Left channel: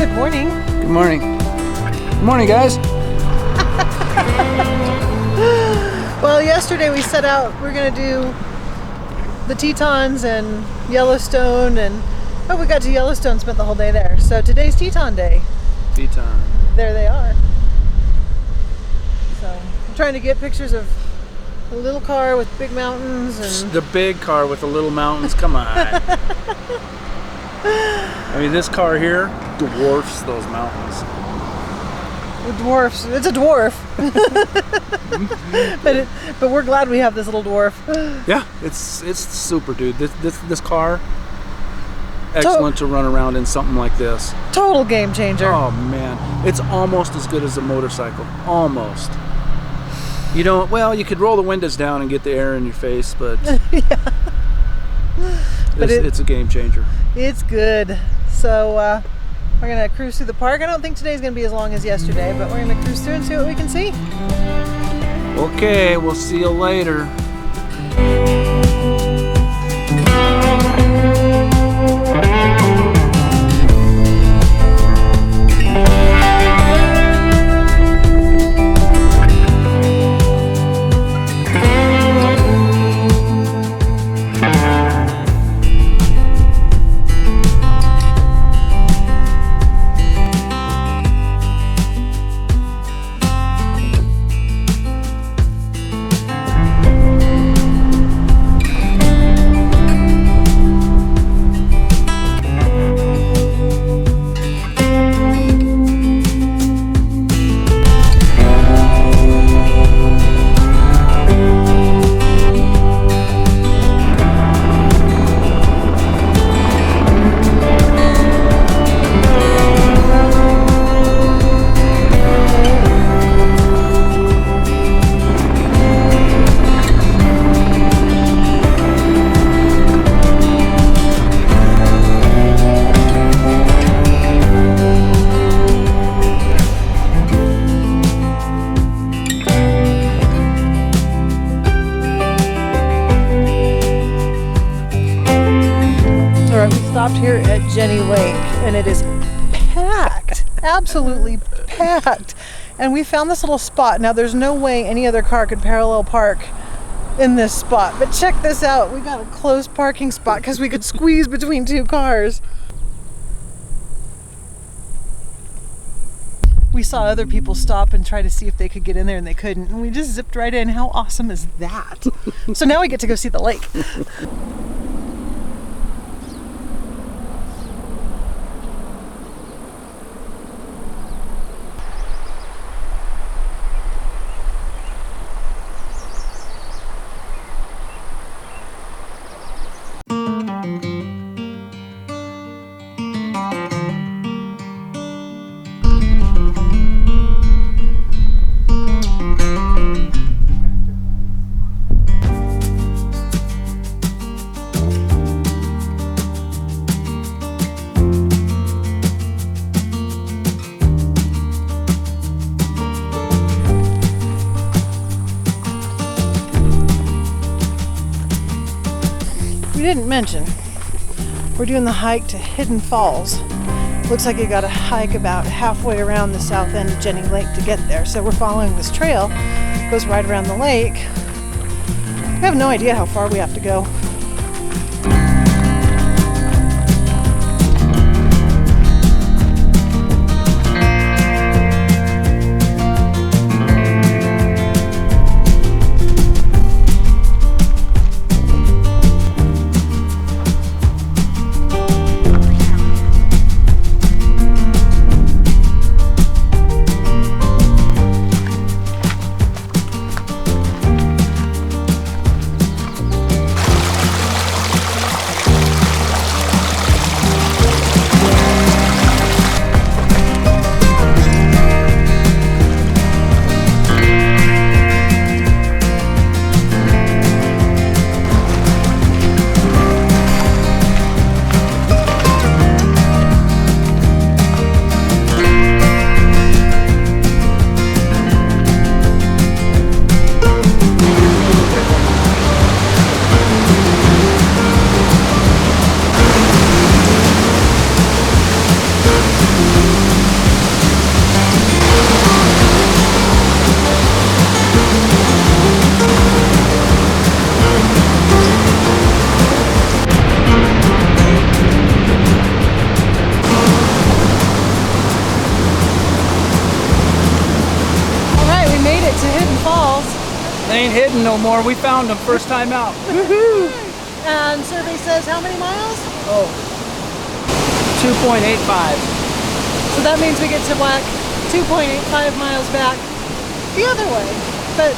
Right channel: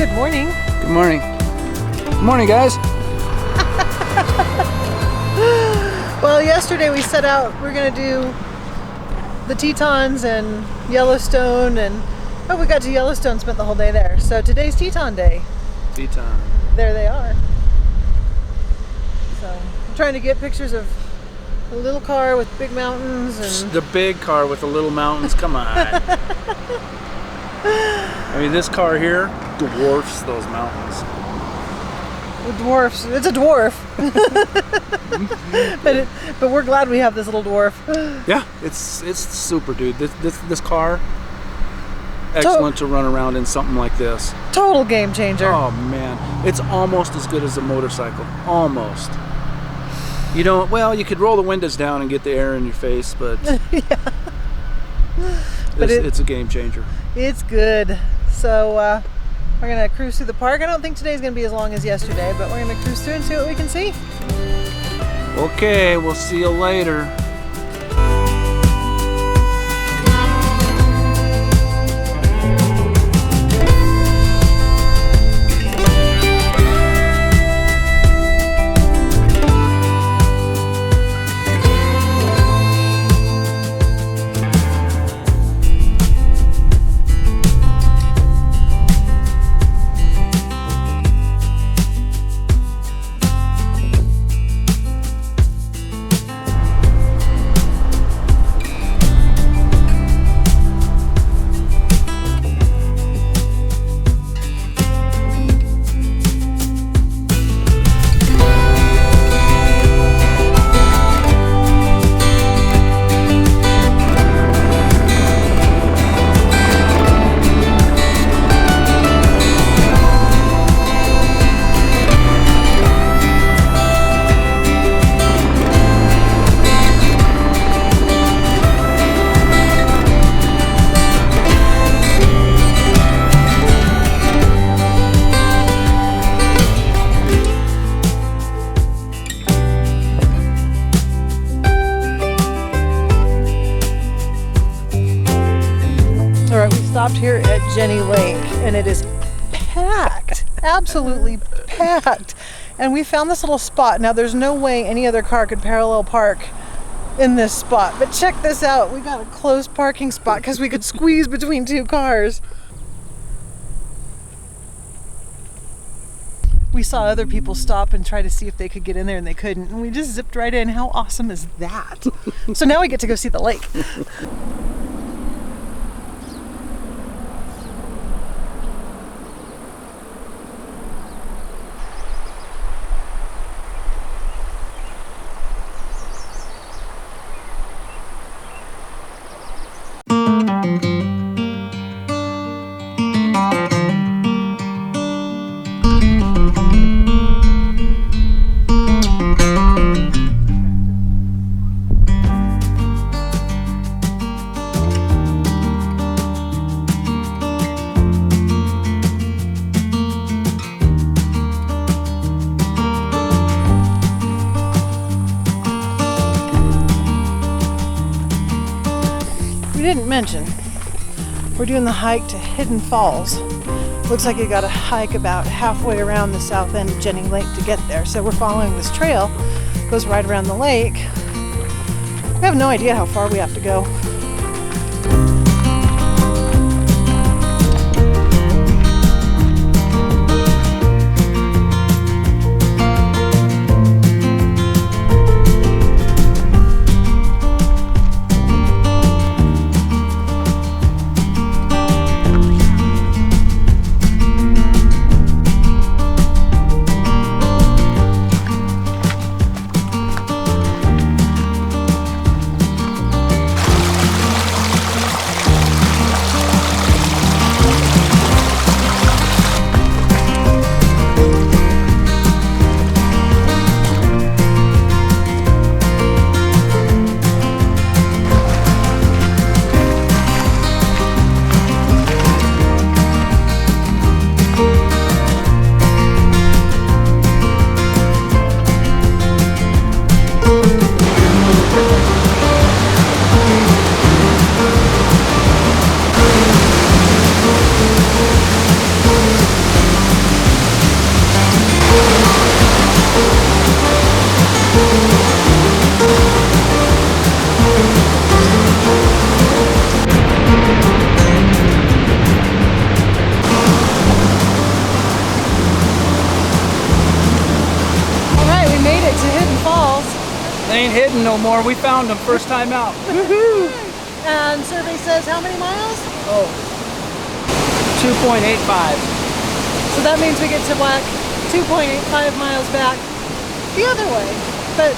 Good morning. Good morning. Good morning, guys. Well, yesterday we set out, we're going to do the Tetons and Yellowstone, and we got to Yellowstone, spent the whole day there. So today's Teton day. Teton. There they are. So I'm trying to get pictures of a little car with big mountains and The big car with the little mountains, come on. I mean, this car here dwarfs those mountains. dwarfs. It's a dwarf. but we're glad we have this little dwarf. Yeah, it's super, dude. This car, excellent to run around in something like this. Total game changer. Oh man, it's almost as good as a motorcycle. Almost. You don't. Well, you could roll the windows down and get the air in your face, but Yeah. it's a game changer. It's good. So we're gonna cruise through the park. I don't think today's gonna be as long as yesterday, but we're gonna cruise through and see what we can see. Okay, we'll see you later. Stopped here at Jenny Lake and it is packed, absolutely packed. And we found this little spot. Now there's no way any other car could parallel park in this spot, but check this out. We got a closed parking spot because we could squeeze between two cars. We saw other people stop and try to see if they could get in there and they couldn't, and we just zipped right in. How awesome is that? So now we get to go see the lake. We didn't mention, we're doing the hike to Hidden Falls. Looks like you gotta hike about halfway around the south end of Jenny Lake to get there. So we're following this trail, goes right around the lake. We have no idea how far we have to go. ain't hidden no more. We found them first time out. Woohoo! And survey says how many miles? Oh, 2.85. So that means we get to whack 2.85 miles back the other way. But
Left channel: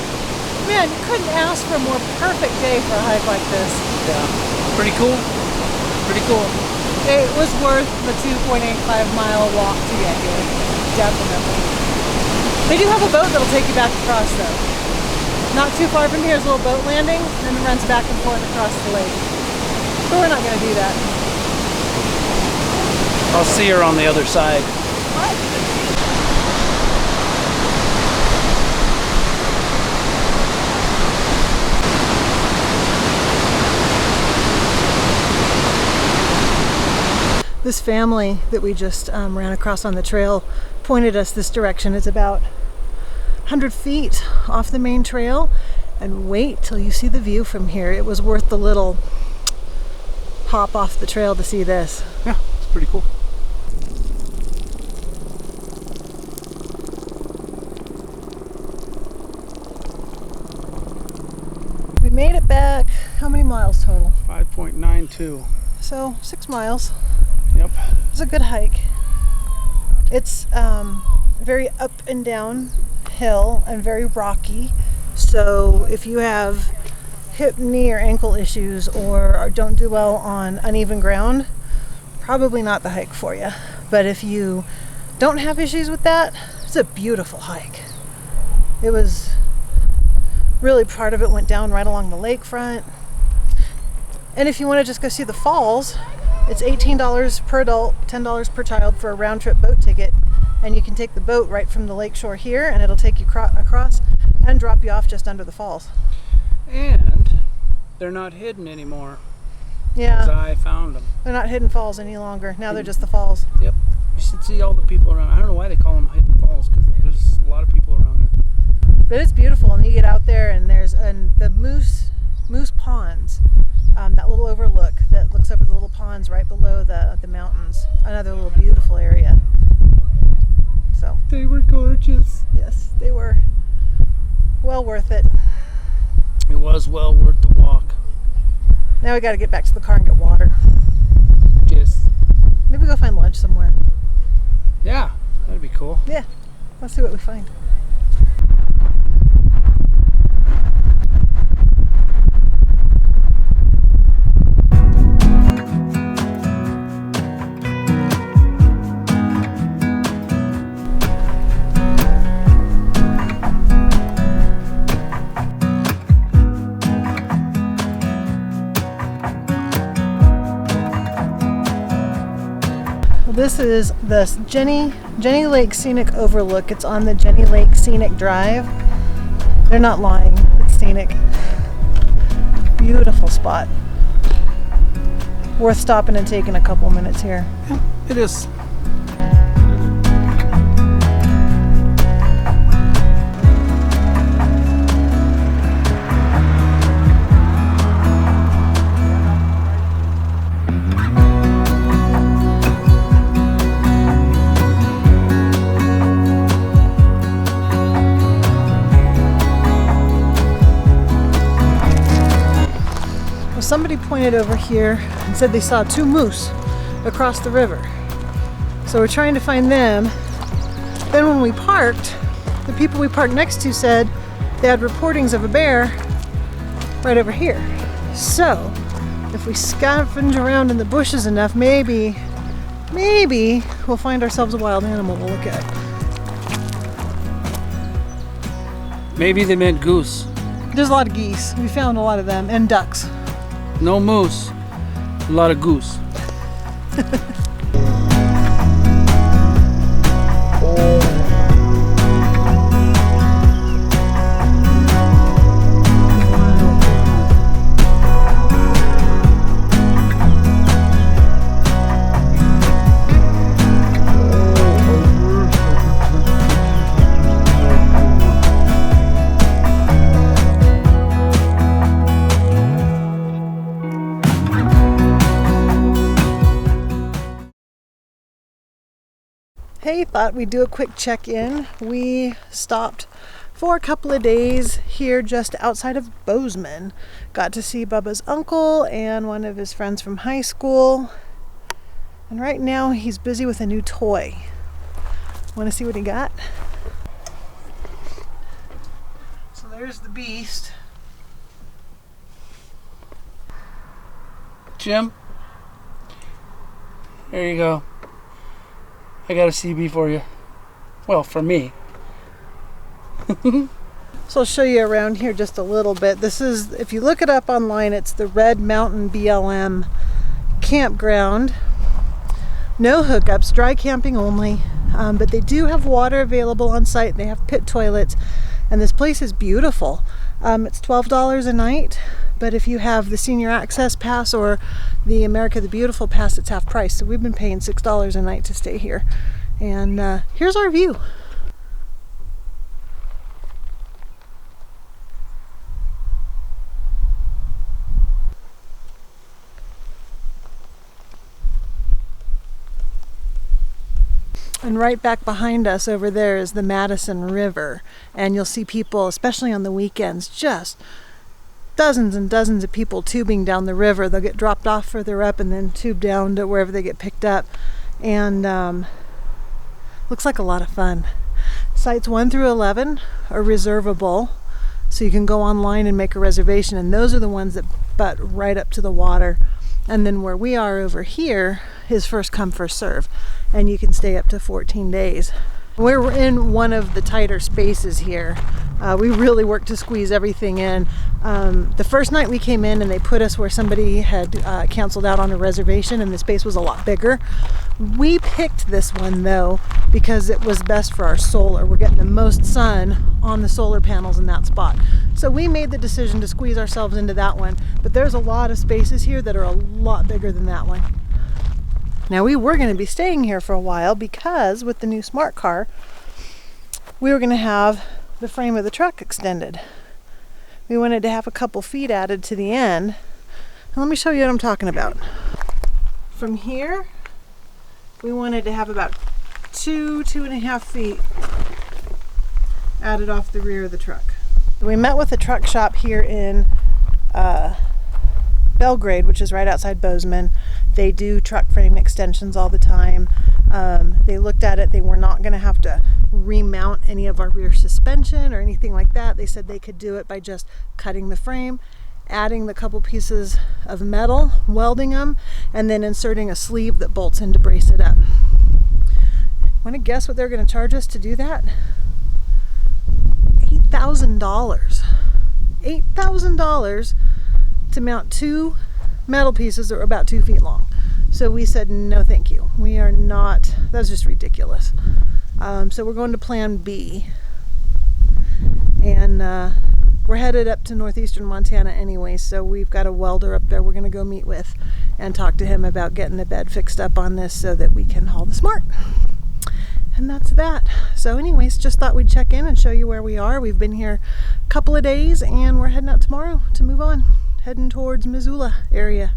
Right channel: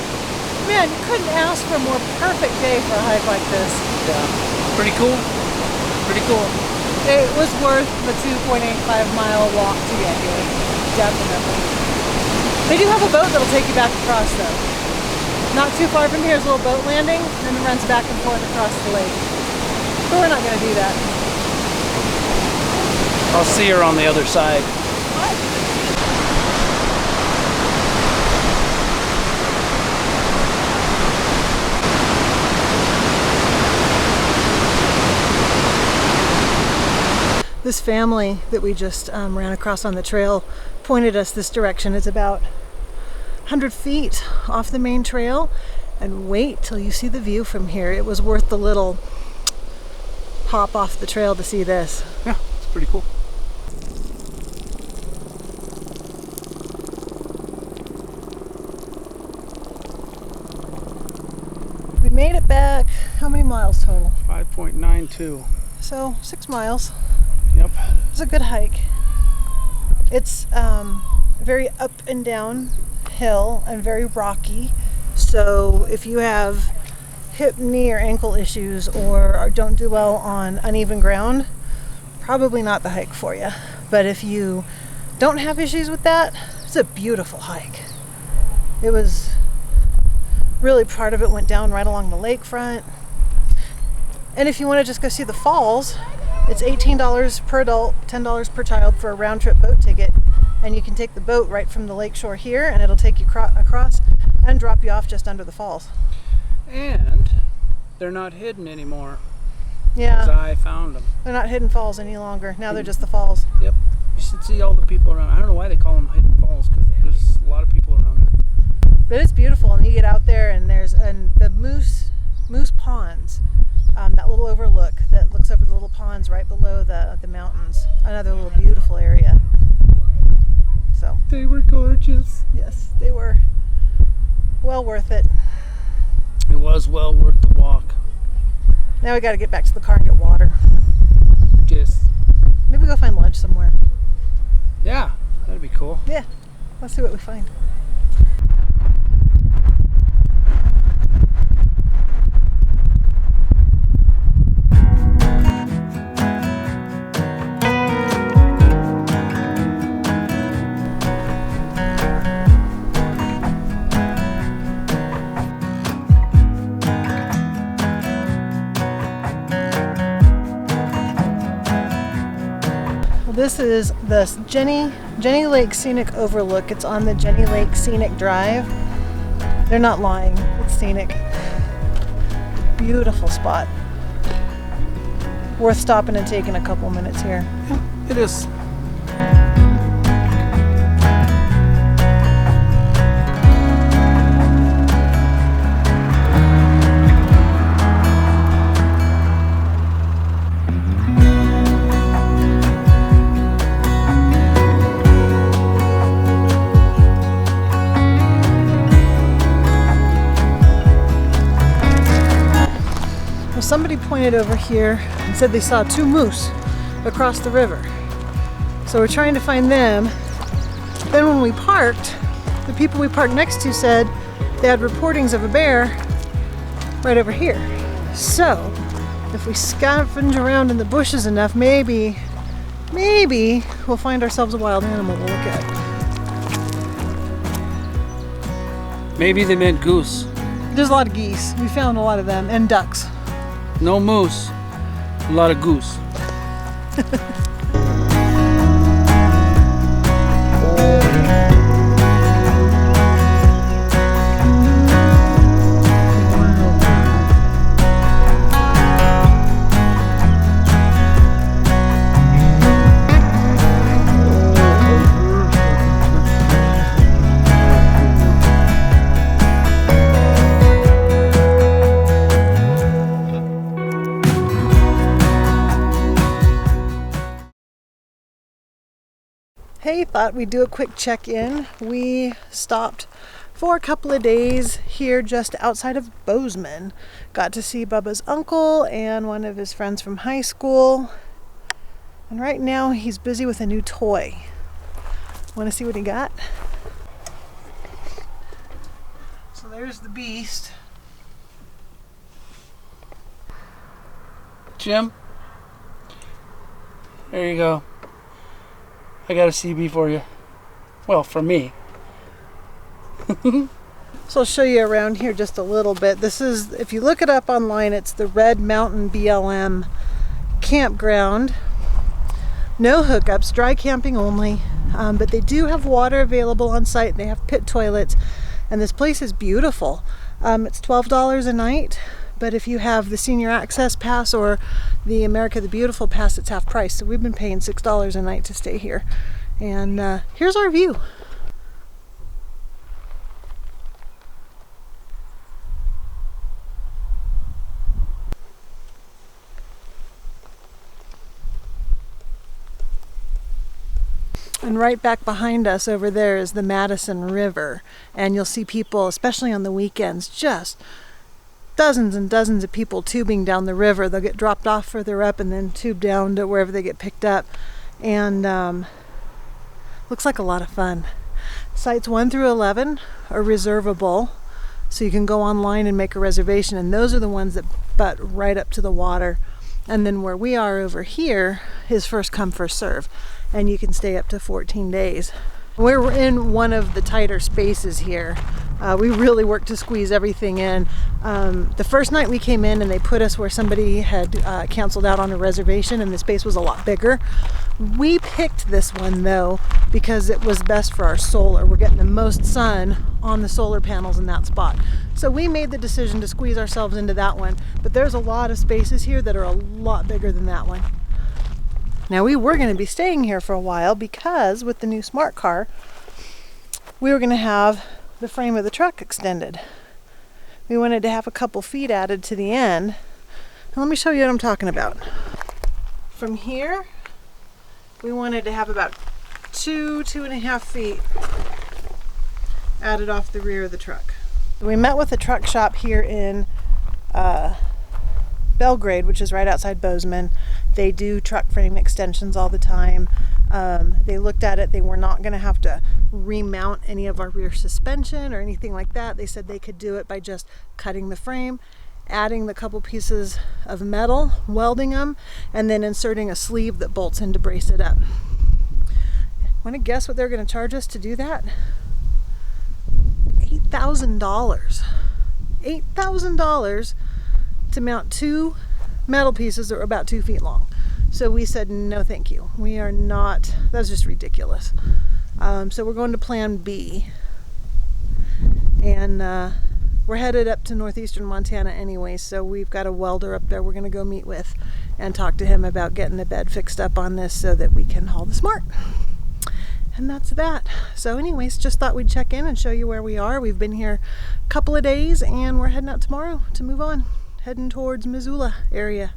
man, you couldn't ask for a more perfect day for a hike like this. Yeah, pretty cool. Pretty cool. It was worth the 2.85 mile walk to get here. Definitely. They do have a boat that'll take you back across though. Not too far from here is a little boat landing, and it runs back and forth across the lake. But we're not going to do that. I'll see her on the other side. This family that we just ran across on the trail pointed us this direction. It's about 100 feet off the main trail, and wait till you see the view from here. It was worth the little hop off the trail to see this. Yeah, it's pretty cool. We made it back. How many miles total? 5.92. So 6 miles. Yep. It was a good hike. It's very up and down hill and very rocky. So if you have hip, knee, or ankle issues or don't do well on uneven ground, probably not the hike for you. But if you don't have issues with that, it's a beautiful hike. It was really, part of it went down right along the lakefront. And if you want to just go see the falls, it's $18 per adult, $10 per child for a round trip boat ticket. And you can take the boat right from the lakeshore here, and it'll take you across and drop you off just under the falls. And they're not hidden anymore. Yeah. Because I found them. They're not hidden falls any longer. Now they're just the falls. Yep. You should see all the people around. I don't know why they call them hidden falls, because there's a lot of people around there. But it's beautiful, and you get out there, and there's the moose ponds. That little overlook that looks over the little ponds right below the mountains. Another little beautiful area. So they were gorgeous. Yes, they were well worth it. It was well worth the walk. Now we got to get back to the car and get water. Yes. Maybe go find lunch somewhere. Yeah, that'd be cool. Yeah, let's see what we find. This is the Jenny Lake Scenic Overlook. It's on the Jenny Lake Scenic Drive. They're not lying. It's scenic. Beautiful spot. Worth stopping and taking a couple minutes here. Yeah, it is. Somebody pointed over here and said they saw 2 moose across the river. So we're trying to find them. Then when we parked, the people we parked next to said they had reportings of a bear right over here. So if we scavenge around in the bushes enough, maybe we'll find ourselves a wild animal to look at. Maybe they meant goose. There's a lot of geese. We found a lot of them, and ducks. No moose, a lot of goose. Hey, thought we'd do a quick check-in. We stopped for a couple of days here just outside of Bozeman. Got to see Bubba's uncle and one of his friends from high school. And right now he's busy with a new toy. Want to see what he got? So there's the beast. Jim, there you go. I got a CB for you. Well, for me. So I'll show you around here just a little bit. This is, if you look it up online, it's the Red Mountain BLM Campground. No hookups, dry camping only, but they do have water available on site. They have pit toilets, and this place is beautiful. It's $12 a night, but if you have the senior access pass or the America the Beautiful pass, it's half price. So we've been paying $6 a night to stay here. And here's our view. And right back behind us over there is the Madison River. And you'll see people, especially on the weekends, just dozens and dozens of people tubing down the river. They'll get dropped off further up and then tube down to wherever they get picked up. And looks like a lot of fun. Sites 1 through 11 are reservable, so you can go online and make a reservation. And those are the ones that butt right up to the water. And then where we are over here is first come, first serve. And you can stay up to 14 days. We're in one of the tighter spaces here. We really worked to squeeze everything in. The first night we came in and they put us where somebody had canceled out on a reservation and the space was a lot bigger. We picked this one though because it was best for our solar. We're getting the most sun on the solar panels in that spot. So we made the decision to squeeze ourselves into that one. But there's a lot of spaces here that are a lot bigger than that one. Now we were going to be staying here for a while because with the new smart car, we were going to have the frame of the truck extended. We wanted to have a couple feet added to the end. Now let me show you what I'm talking about. From here, we wanted to have about 2.5 feet added off the rear of the truck. We met with a truck shop here in Belgrade, which is right outside Bozeman. They do truck frame extensions all the time. They looked at it. They were not going to have to remount any of our rear suspension or anything like that. They said they could do it by just cutting the frame, adding the couple pieces of metal, welding them, and then inserting a sleeve that bolts in to brace it up. Want to guess what they're going to charge us to do that? $8,000. $8,000 to mount two metal pieces that were about 2 feet long. So we said no thank you. We are not, that's just ridiculous. So we're going to plan B. And we're headed up to northeastern Montana anyway, so we've got a welder up there we're going to go meet with and talk to him about getting the bed fixed up on this so that we can haul the smart. And that's that. So anyways, just thought we'd check in and show you where we are. We've been here a couple of days and we're heading out tomorrow to move on. Heading towards Missoula area.